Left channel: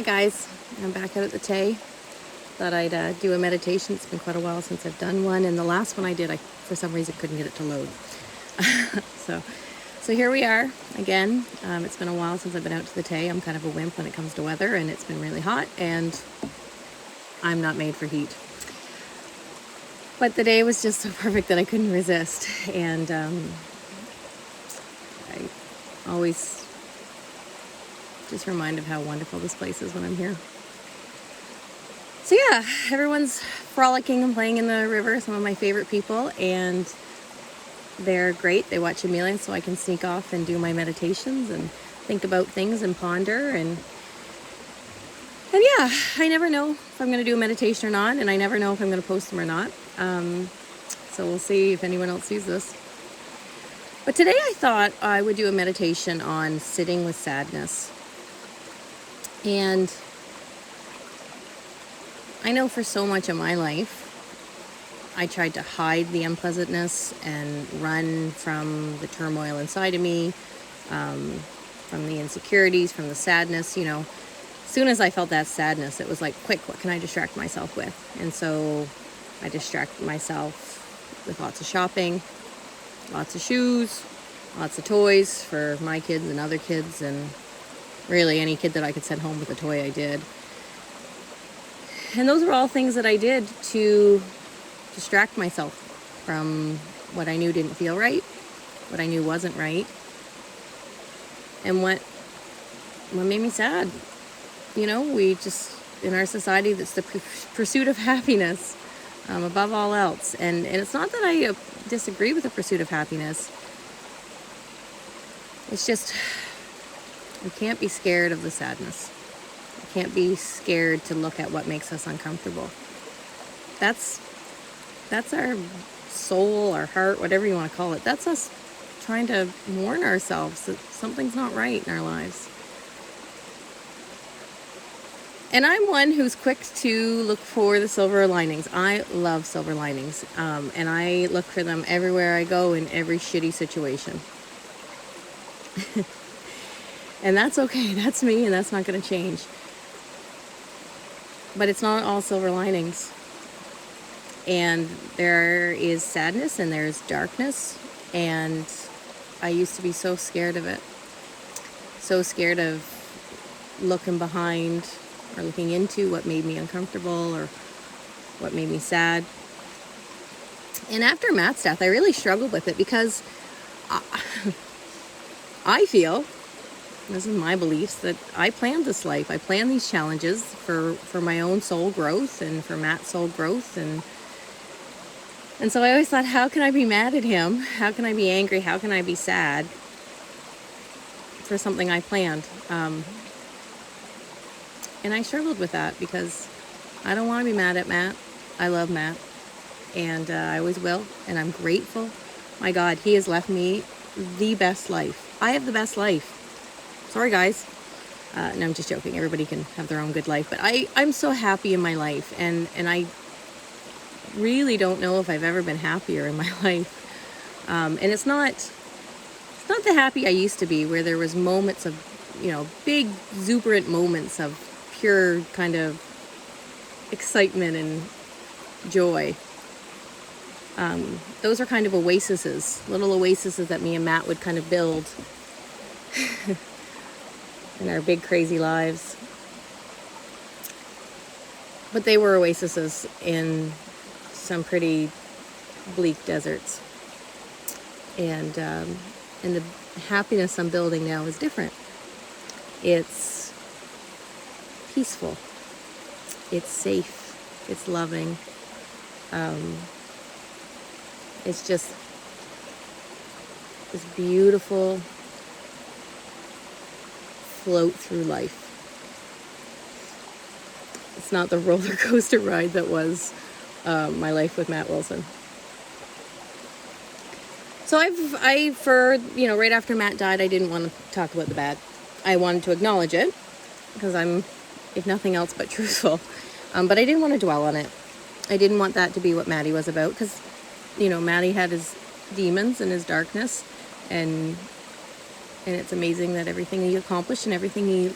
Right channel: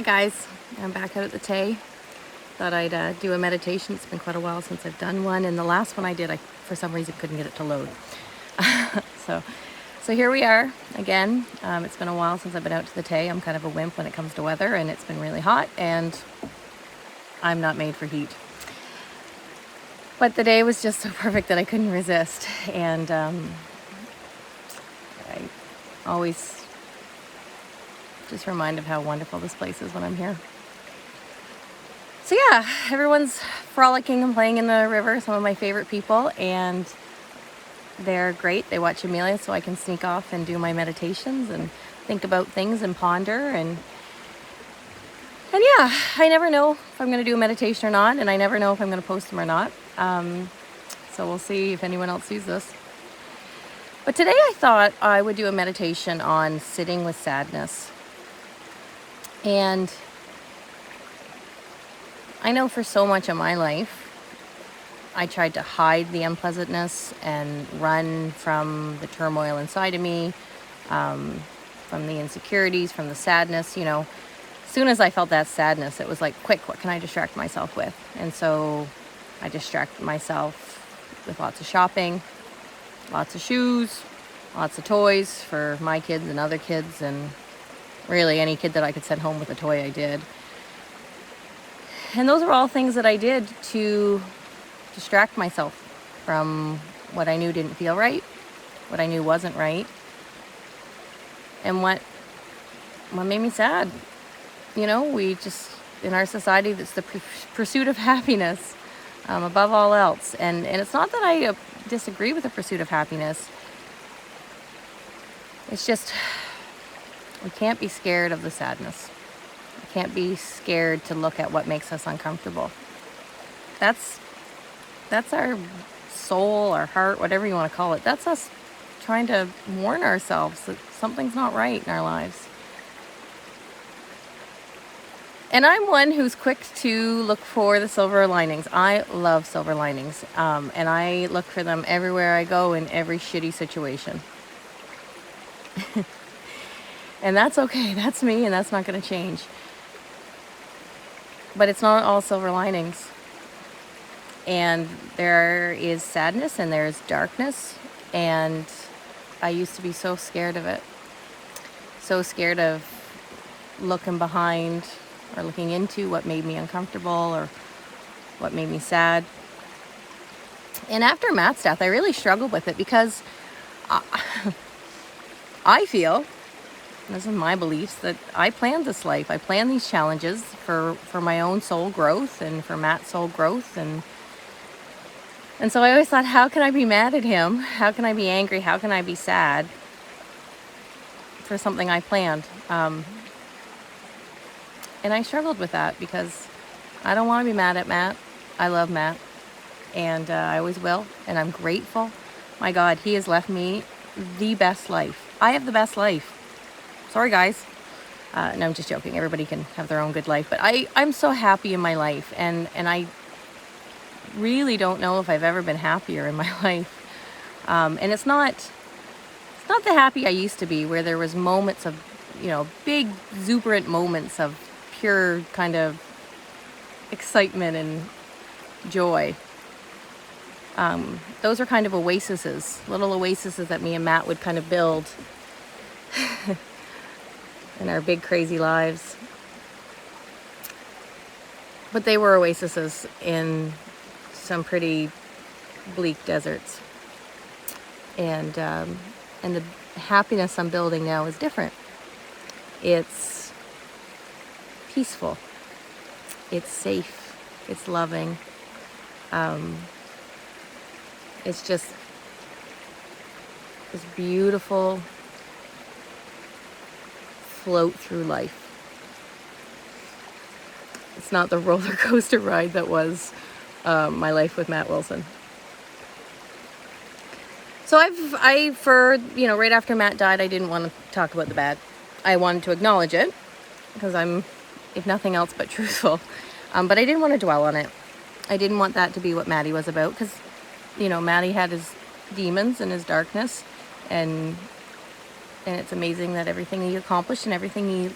Hi guys, I'm back out at the Tay. Thought I'd do a meditation. It's been quite a while since I've done one, and the last one I did, I for some reason couldn't get it to load. so, so here we are again. It's been a while since I've been out to the Tay. I'm kind of a wimp when it comes to weather, and it's been really hot, and I'm not made for heat. But the day was just so perfect that I couldn't resist, and I always just remind of how wonderful this place is when I'm here. So yeah, everyone's frolicking and playing in the river, some of my favorite people, and they're great. They watch Amelia so I can sneak off and do my meditations and think about things and ponder. And yeah, I never know if I'm going to do a meditation or not, and I never know if I'm going to post them or not. So we'll see if anyone else sees this. But today I thought I would do a meditation on sitting with sadness. And I know for so much of my life, I tried to hide the unpleasantness and run from the turmoil inside of me, from the insecurities, from the sadness. You know, as soon as I felt that sadness, it was like, quick, what can I distract myself with? And so I distracted myself with lots of shopping, lots of shoes, lots of toys for my kids and other kids, and really any kid that I could send home with a toy, I did. And those are all things that I did to distract myself from what I knew didn't feel right, what I knew wasn't right, and what made me sad. You know, we just, in our society, that's the pursuit of happiness above all else. And it's not that I disagree with the pursuit of happiness. It's just, we can't be scared of the sadness. We can't be scared to look at what makes us uncomfortable. That's our soul, our heart, whatever you want to call it. That's us trying to warn ourselves that something's not right in our lives. And I'm one who's quick to look for the silver linings. I love silver linings. And I look for them everywhere I go in every shitty situation. And that's okay. That's me, and that's not going to change. But it's not all silver linings. And there is sadness and there's darkness. And I used to be so scared of it. So scared of looking behind or looking into what made me uncomfortable or what made me sad. And after Matt's death, I really struggled with it because I feel, this is my beliefs, that I planned this life. I planned these challenges for my own soul growth and for Matt's soul growth. And so I always thought, how can I be mad at him? How can I be angry? How can I be sad for something I planned? And I struggled with that because I don't want to be mad at Matt. I love Matt, and I always will, and I'm grateful. My God, he has left me the best life. I have the best life. Sorry, guys. No, I'm just joking. Everybody can have their own good life, but I'm so happy in my life, and I really don't know if I've ever been happier in my life. And it's not the happy I used to be, where there was moments of, big exuberant moments of pure kind of excitement and joy. Those are kind of oases, little oases that me and Matt would kind of build in our big crazy lives. But they were oases in some pretty bleak deserts. And the happiness I'm building now is different. It's peaceful. It's safe. It's loving. It's just this beautiful float through life. It's not the roller coaster ride that was my life with Matt Wilson. So right after Matt died, I didn't want to talk about the bad. I wanted to acknowledge it because I'm, if nothing else, but truthful. But I didn't want to dwell on it. I didn't want that to be what Maddie was about because, Maddie had his demons and his darkness, and it's amazing that everything he accomplished and everything he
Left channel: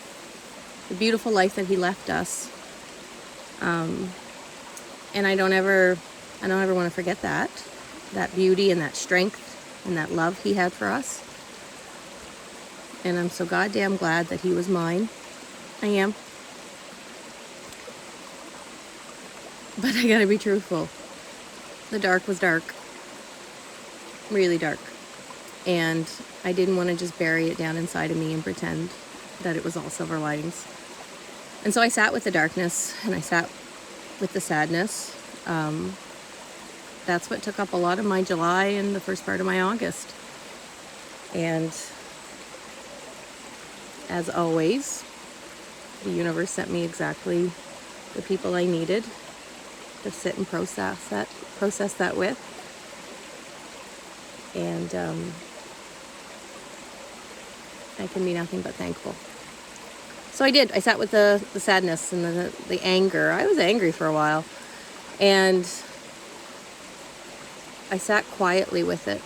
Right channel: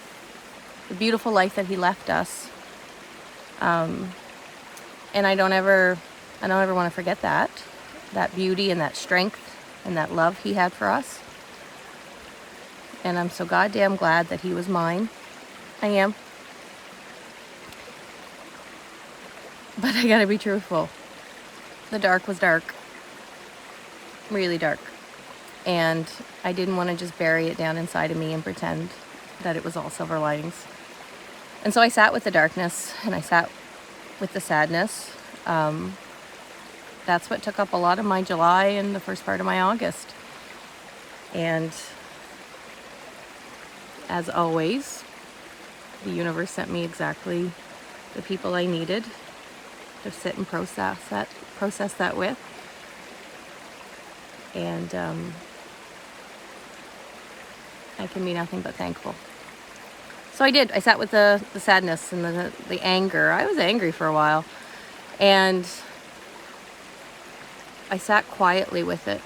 the beautiful life that he left us. And I don't ever want to forget that beauty and that strength and that love he had for us. And I'm so goddamn glad that he was mine. I am. But I gotta be truthful. The dark was dark. Really dark. And I didn't want to just bury it down inside of me and pretend that it was all silver linings. And so I sat with the darkness and I sat with the sadness. That's what took up a lot of my July and the first part of my August. And as always, the universe sent me exactly the people I needed to sit and process that with. And I can be nothing but thankful. So I did. I sat with the sadness and the anger. I was angry for a while. And I sat quietly with it.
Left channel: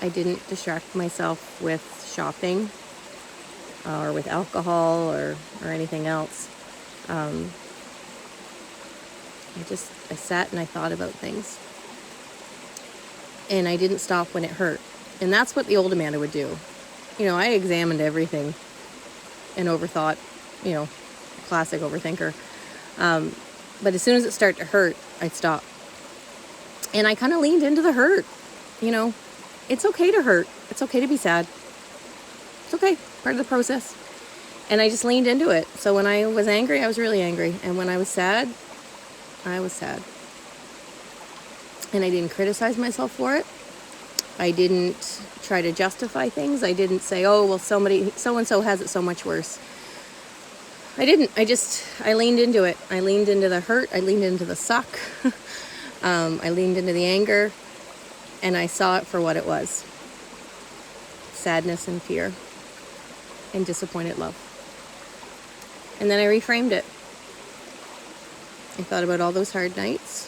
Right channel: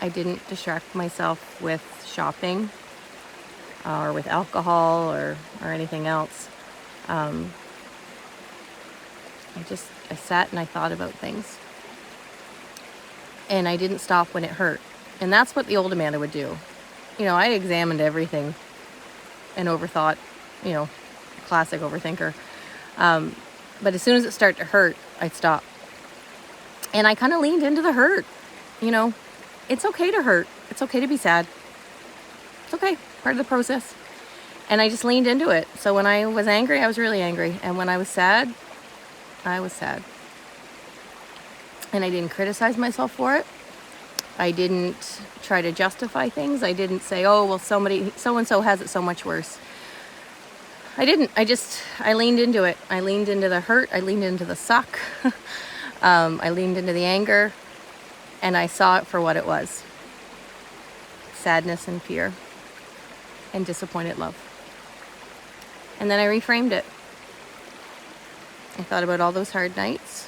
I didn't distract myself with shopping or with alcohol or anything else. I sat and I thought about things. And I didn't stop when it hurt. And that's what the old Amanda would do. You know, I examined everything and overthought, you know, classic overthinker. But as soon as it started to hurt, I'd stop. And I kind of leaned into the hurt. You know, it's okay to hurt. It's okay to be sad. It's okay, part of the process. And I just leaned into it. So when I was angry, I was really angry. And when I was sad, I was sad. And I didn't criticize myself for it. I didn't try to justify things. I didn't say, oh, well, so-and-so has it so much worse. I didn't. I leaned into it. I leaned into the hurt. I leaned into the suck. I leaned into the anger. And I saw it for what it was. Sadness and fear. And disappointed love. And then I reframed it. I thought about all those hard nights.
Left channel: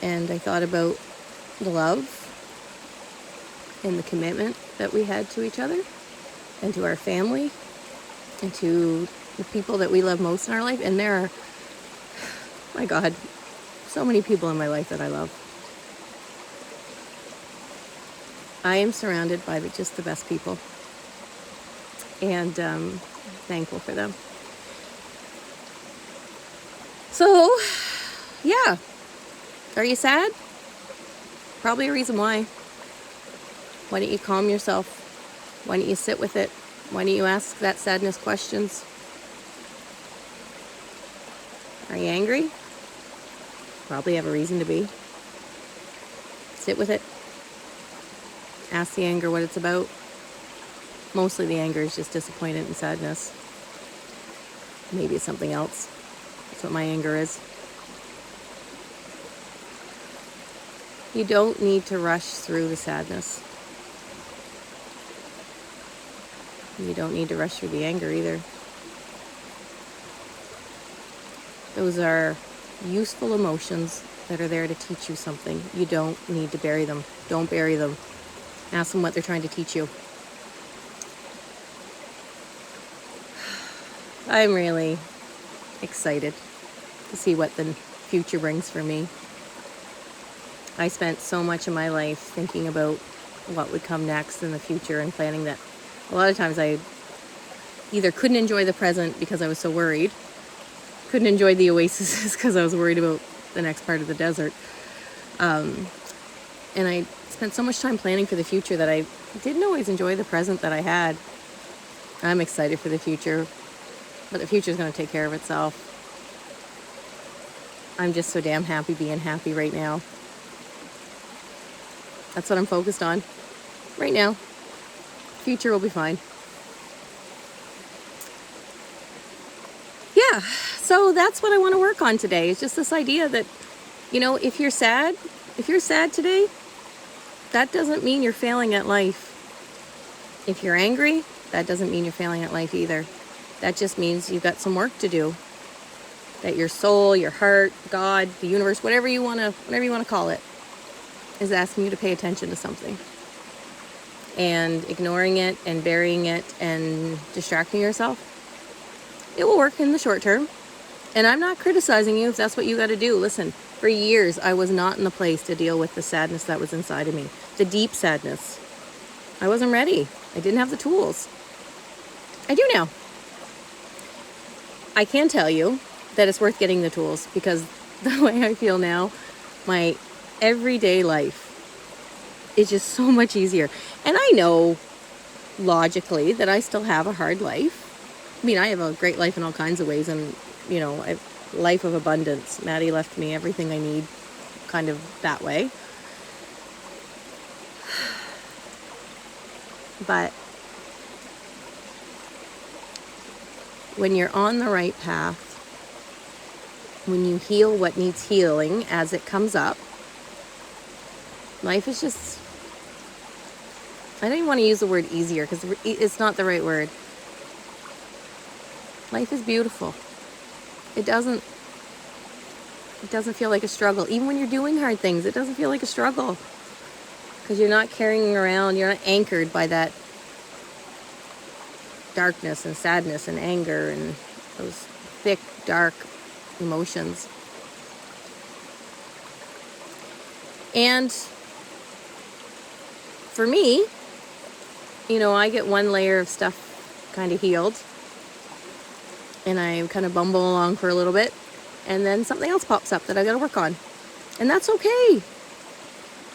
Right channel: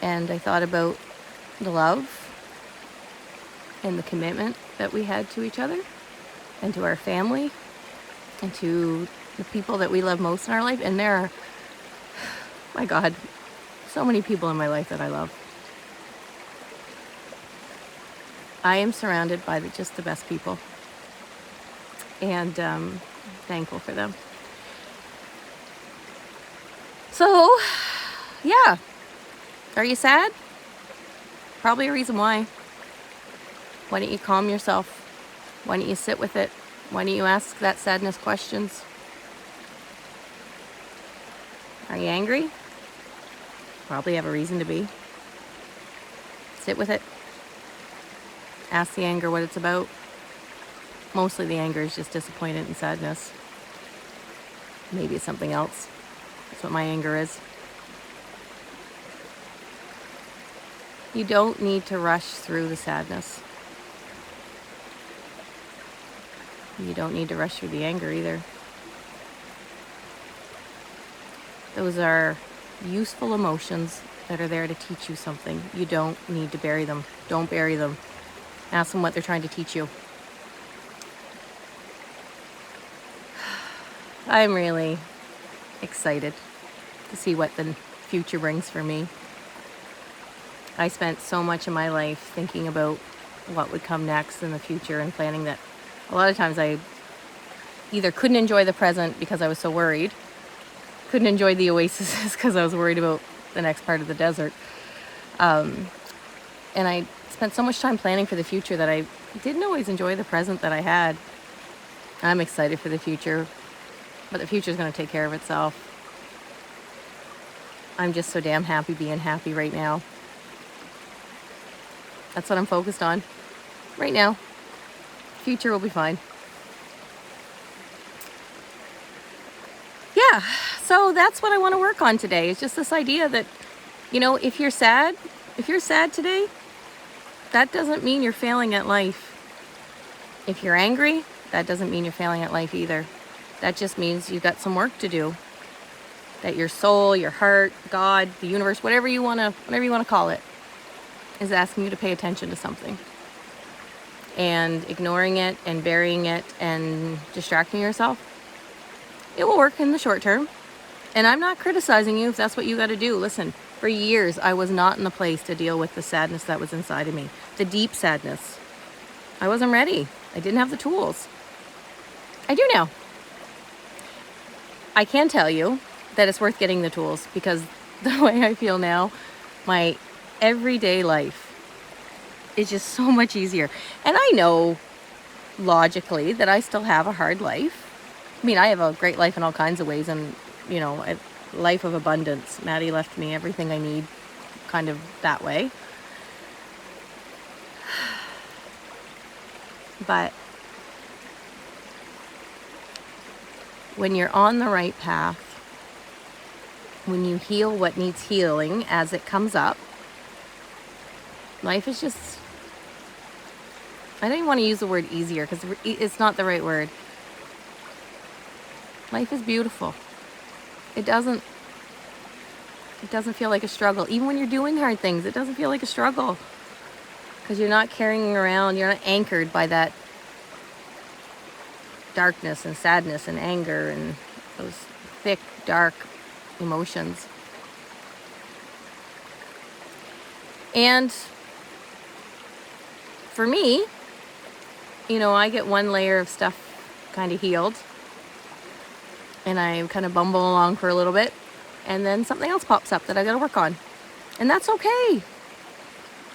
And I thought about the love and the commitment that we had to each other and to our family and to the people that we love most in our life. And there are, my God, so many people in my life that I love. I am surrounded by just the best people. And thankful for them. So, yeah. Are you sad? Probably a reason why. Why don't you calm yourself? Why don't you sit with it? Why don't you ask that sadness questions? Are you angry? Probably have a reason to be. Sit with it. Ask the anger what it's about. Mostly the anger is just disappointment and sadness. Maybe it's something else. That's what my anger is. You don't need to rush through the sadness. You don't need to rush through the anger either. Those are useful emotions that are there to teach you something. You don't need to bury them. Don't bury them. Ask them what they're trying to teach you. I'm really excited to see what the future brings for me. I spent so much of my life thinking about what would come next in the future and planning that. A lot of times I either couldn't enjoy the present because I was so worried, couldn't enjoy the oases because I was worried about the next part of the desert. And I spent so much time planning for the future that I didn't always enjoy the present that I had. I'm excited for the future, but the future is going to take care of itself. I'm just so damn happy being happy right now. That's what I'm focused on right now. Future will be fine. Yeah, so that's what I want to work on today. It's just this idea that, you know, if you're sad today, that doesn't mean you're failing at life. If you're angry, that doesn't mean you're failing at life either. That just means you've got some work to do. That your soul, your heart, God, the universe, whatever you want to call it, is asking you to pay attention to something. and ignoring it and burying it and distracting yourself, it will work in the short term. And I'm not criticizing you if that's what you got to do. Listen, for years, I was not in the place to deal with the sadness that was inside of me, the deep sadness. I wasn't ready. I didn't have the tools. I do now. I can tell you that it's worth getting the tools, because the way I feel now, my everyday life is just so much easier. And I know logically that I still have a hard life. I mean, I have a great life in all kinds of ways, and a life of abundance. Maddie left me everything I need, kind of that way. But when you're on the right path, when you heal what needs healing as it comes up, life is just, I don't even want to use the word easier because it's not the right word. Life is beautiful. It doesn't feel like a struggle. Even when you're doing hard things, it doesn't feel like a struggle, because you're not carrying around, you're not anchored by that darkness and sadness and anger and those thick, dark emotions. And for me, I get one layer of stuff kind of healed, and I kind of bumble along for a little bit, and then something else pops up that I got to work on. And that's okay.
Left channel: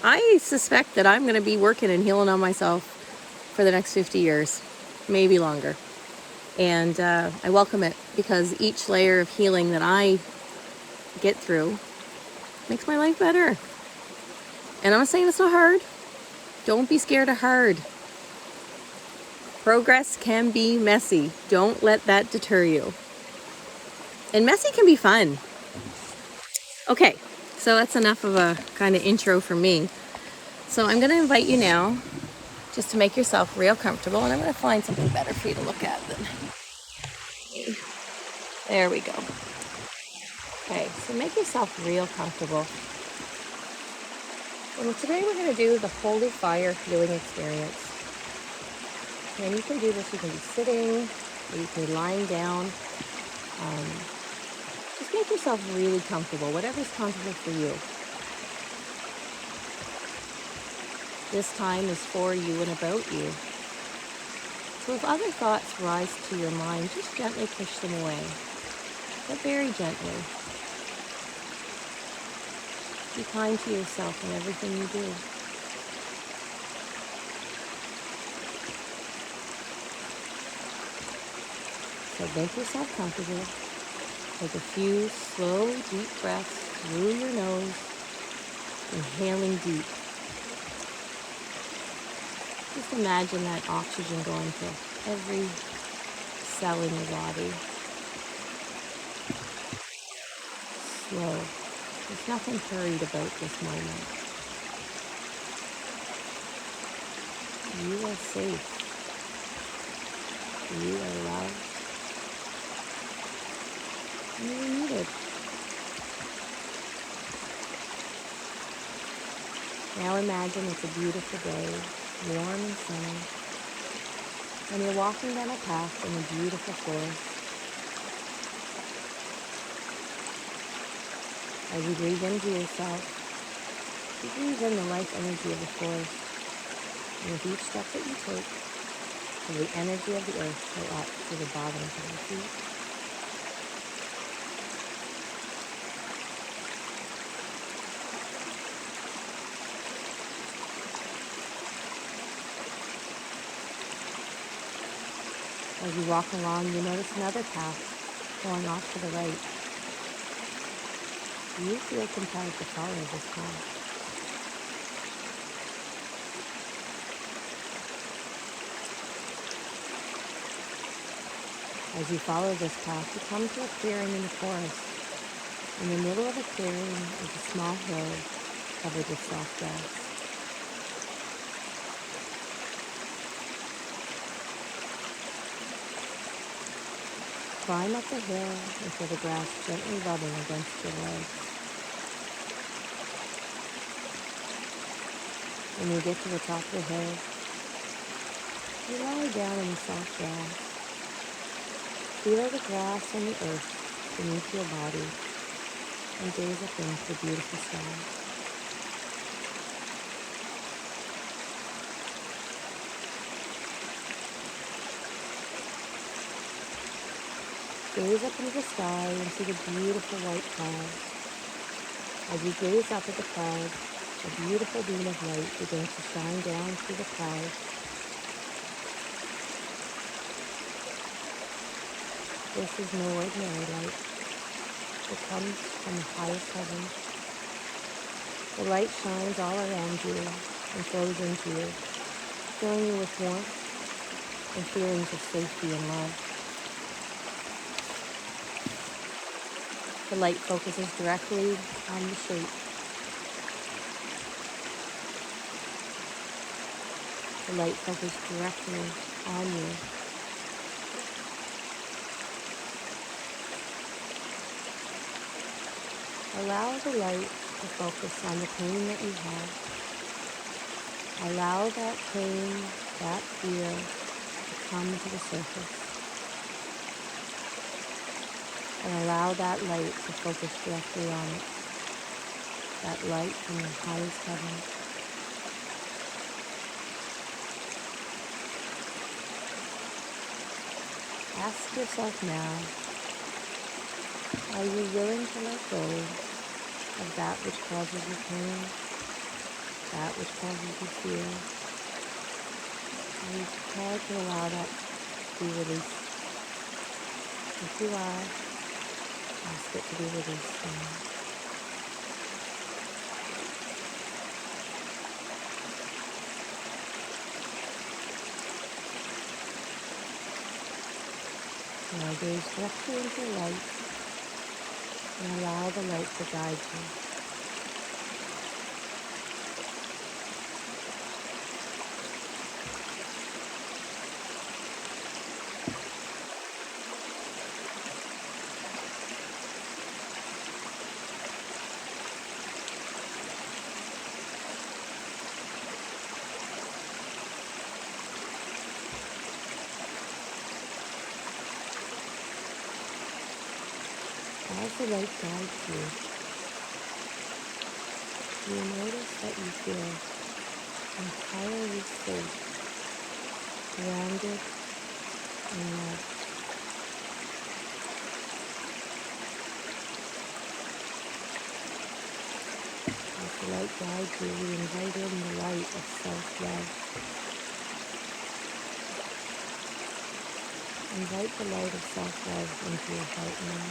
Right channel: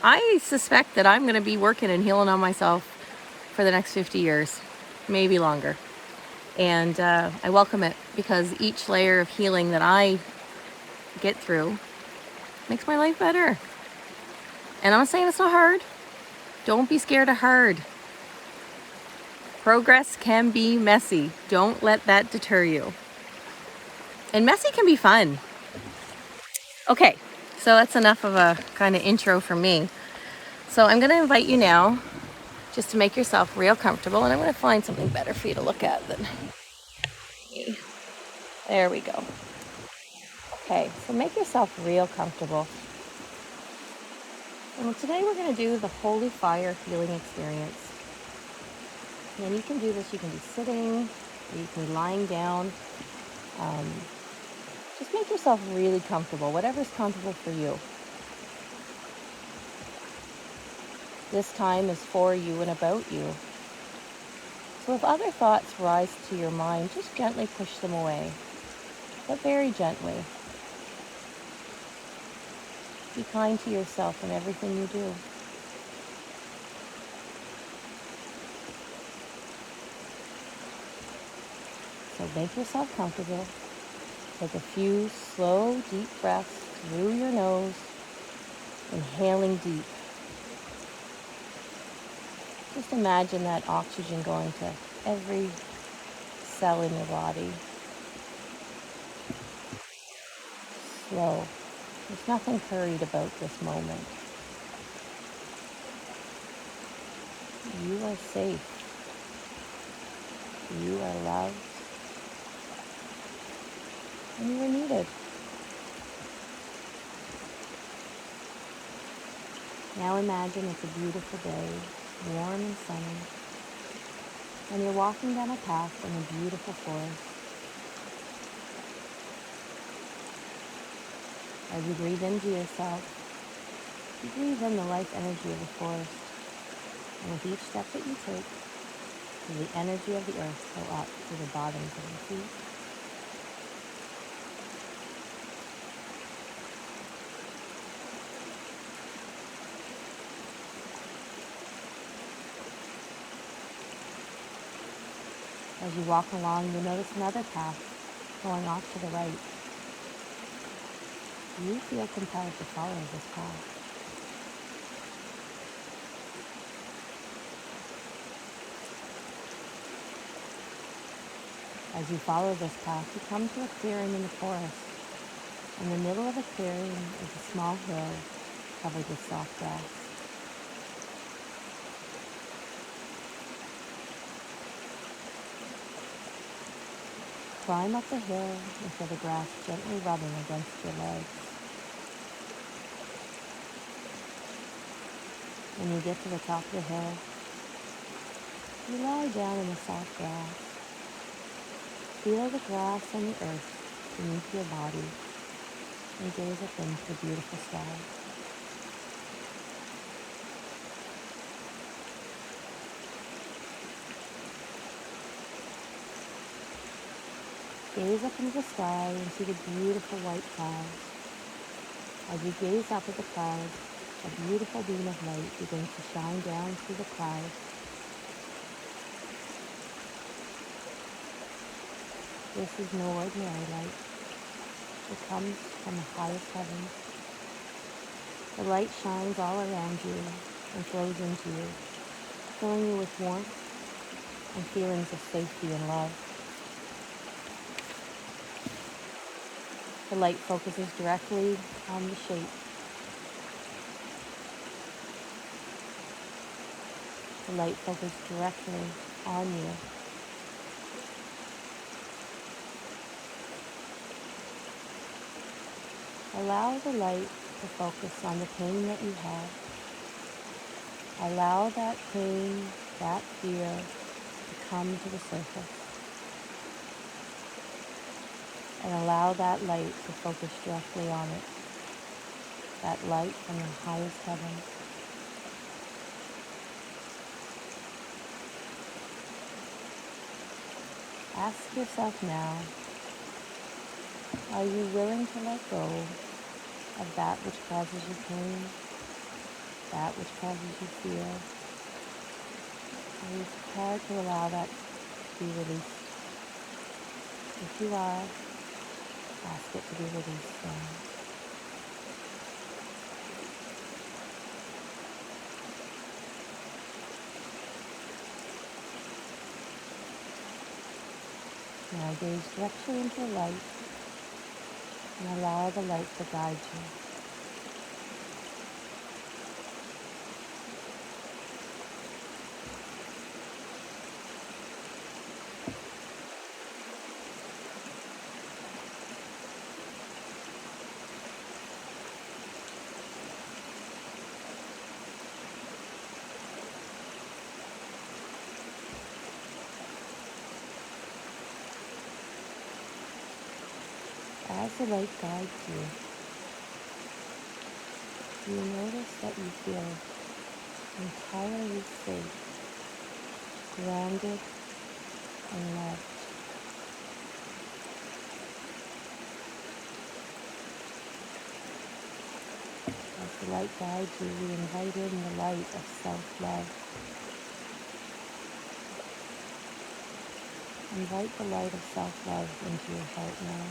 I suspect that I'm going to be working and healing on myself for the next 50 years, maybe longer. And I welcome it, because each layer of healing that I get through makes my life better. And I'm not saying it's not hard. Don't be scared of hard. Progress can be messy. Don't let that deter you. And messy can be fun. Okay, so that's enough of a kind of intro for me. So I'm going to invite you now just to make yourself real comfortable, and I'm going to find something better for you to look at than me. There we go. Okay, so make yourself real comfortable. And today we're going to do the Holy Fire Healing Experience. And you can do this, you can be sitting, or you can be lying down. Just make yourself really comfortable, whatever's comfortable for you. This time is for you and about you. So if other thoughts rise to your mind, just gently push them away, but very gently. Be kind to yourself in everything you do. So make yourself comfortable. Take a few slow, deep breaths through your nose, inhaling deep. Just imagine that oxygen going to every cell in your body. Slow. There's nothing hurried about this moment. You are safe. You are loved. And you are needed. Now imagine it's a beautiful day, warm and sunny, and you're walking down a path in a beautiful forest. As you breathe into yourself, you breathe in the life energy of the forest, and with each step that you take, feel the energy of the earth go up to the bottoms of your feet. As you walk along, you notice another path going off to the right. You feel compelled to follow this path. As you follow this path, you come to a clearing in the forest. In the middle of the clearing is a small hill covered with soft grass. Climb up the hill and feel the grass gently rubbing against your legs. When you get to the top of the hill, You lie down in the soft grass. Feel the grass and the earth beneath your body and gaze up into the beautiful sky. Gaze up into the sky and see the beautiful white clouds. As you gaze up at the clouds, a beautiful beam of light begins to shine down through the clouds. This is no ordinary light. It comes from the highest heaven. The light shines all around you and flows into you, filling you with warmth and feelings of safety and love. The light focuses directly on the shape. The light focuses directly on you. Allow the light to focus on the pain that you have. Allow that pain, that fear to come to the surface. And allow that light to focus directly on it. That light from the highest heaven. Ask yourself now, are you willing to let go of that which causes you pain, that which causes you fear? Are you prepared to allow that to be released? If you are, ask it to be released now. Now gaze directly into the light and allow the light to guide you. As the light guides you, you notice that you feel entirely safe, grounded, and loved. As the light guides you, you invite in the light of self-love. Invite the light of self-love into your heart now.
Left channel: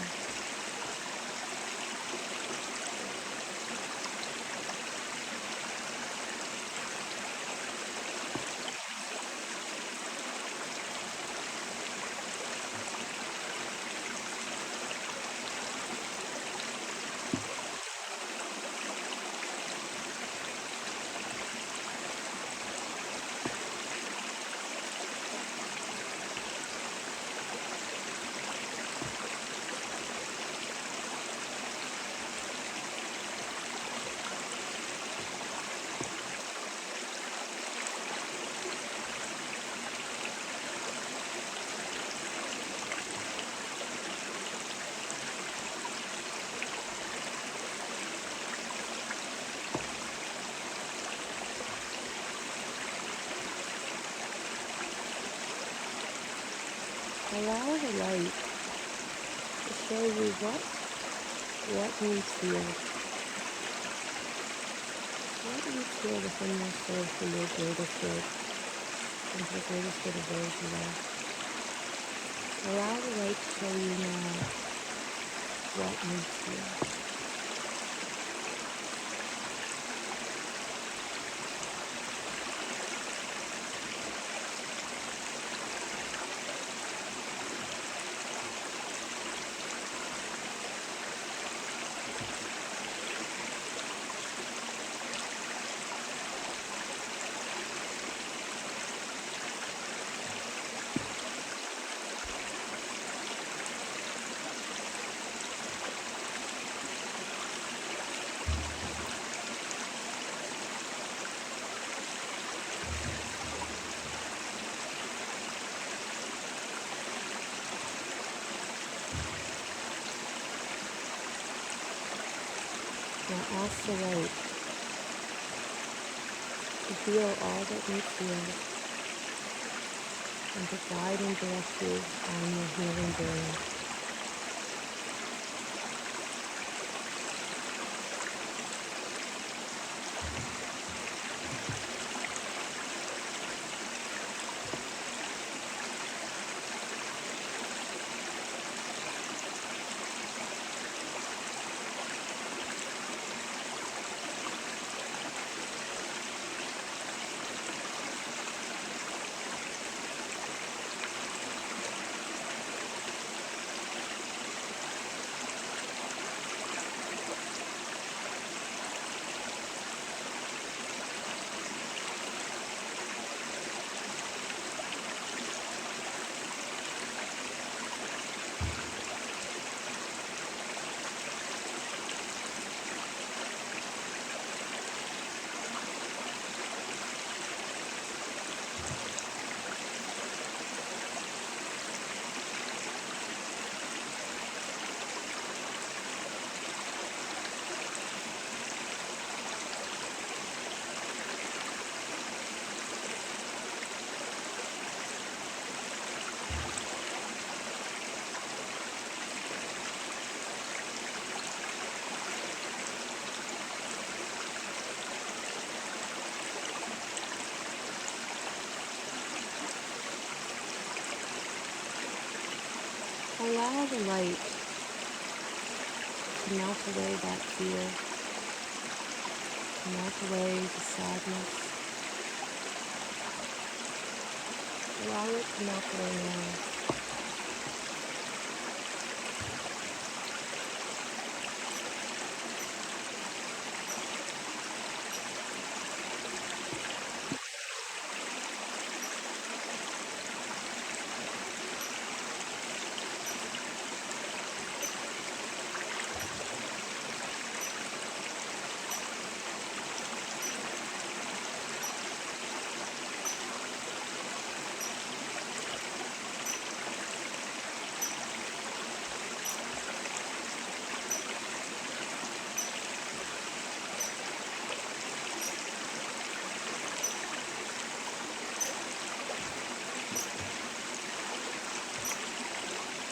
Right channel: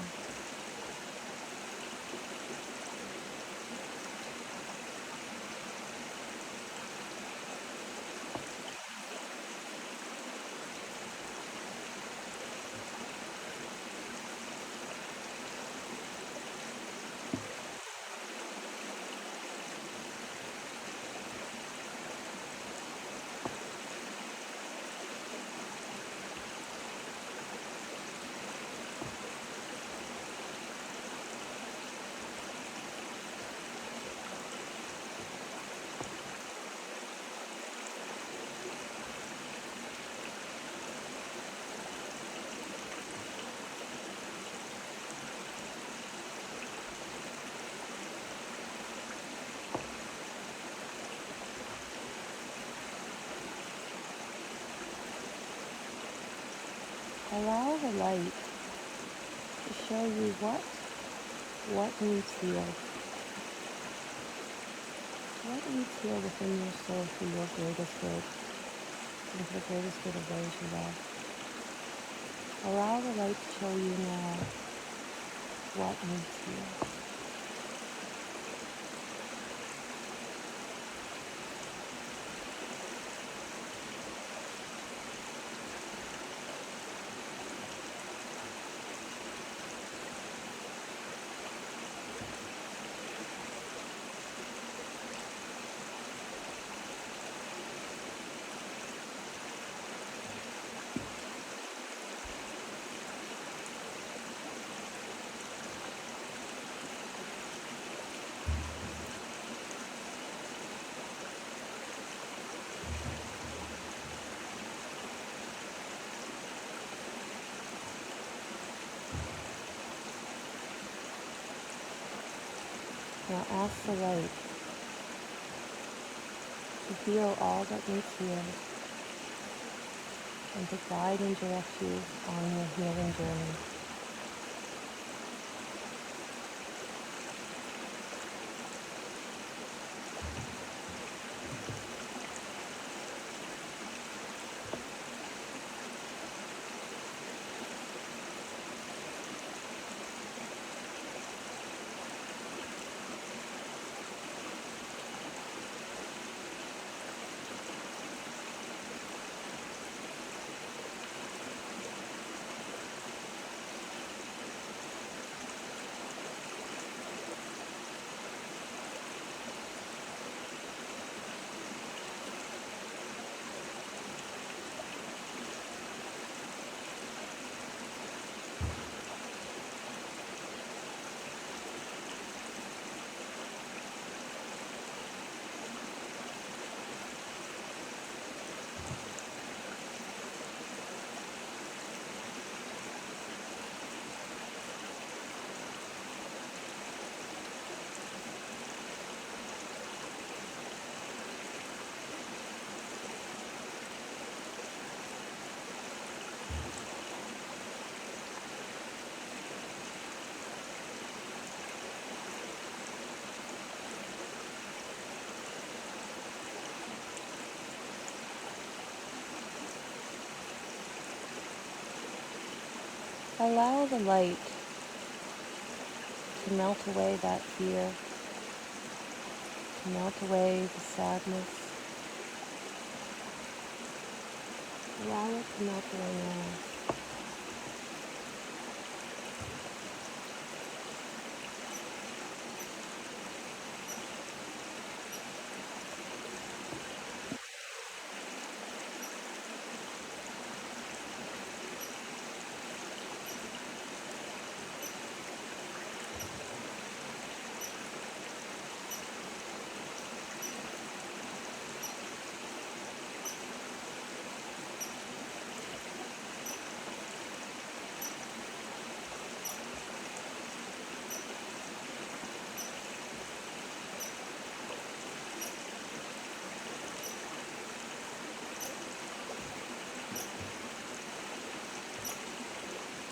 Allow the light to show you what needs healed. What needs healed within your soul for your greatest good and for the greatest good of those you love. Allow the light to show you now what needs healed. Now ask the light to heal all that needs healed and to guide and direct you on your healing journey. Allow the light to melt away that fear, to melt away the sadness. Allow it to melt away now.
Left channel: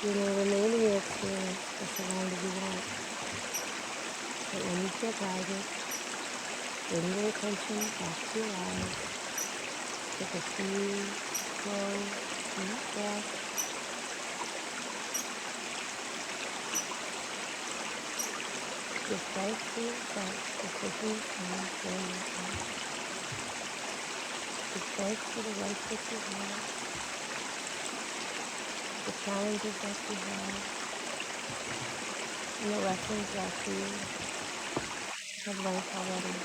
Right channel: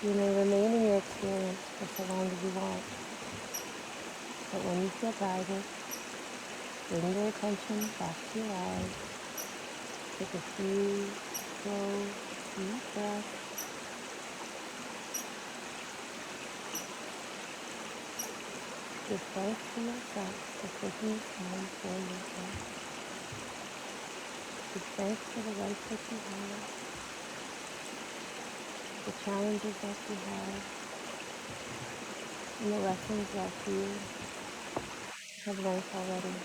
You may remain in your experience for so long as you want, but when you feel guided, bring your attention back to your eyes. Take a few slow, deep breaths. Give thanks to yourself for taking the time for yourself. Give thanks for the life that you have, the challenges that you have, and the lessons that you have learned already.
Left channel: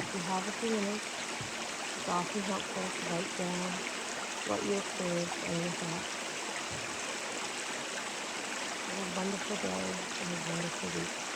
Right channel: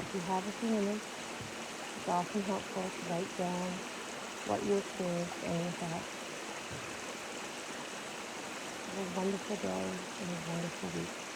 If you have a few minutes, it's often helpful to write down what you experienced in your thoughts. Have a wonderful day and a wonderful week.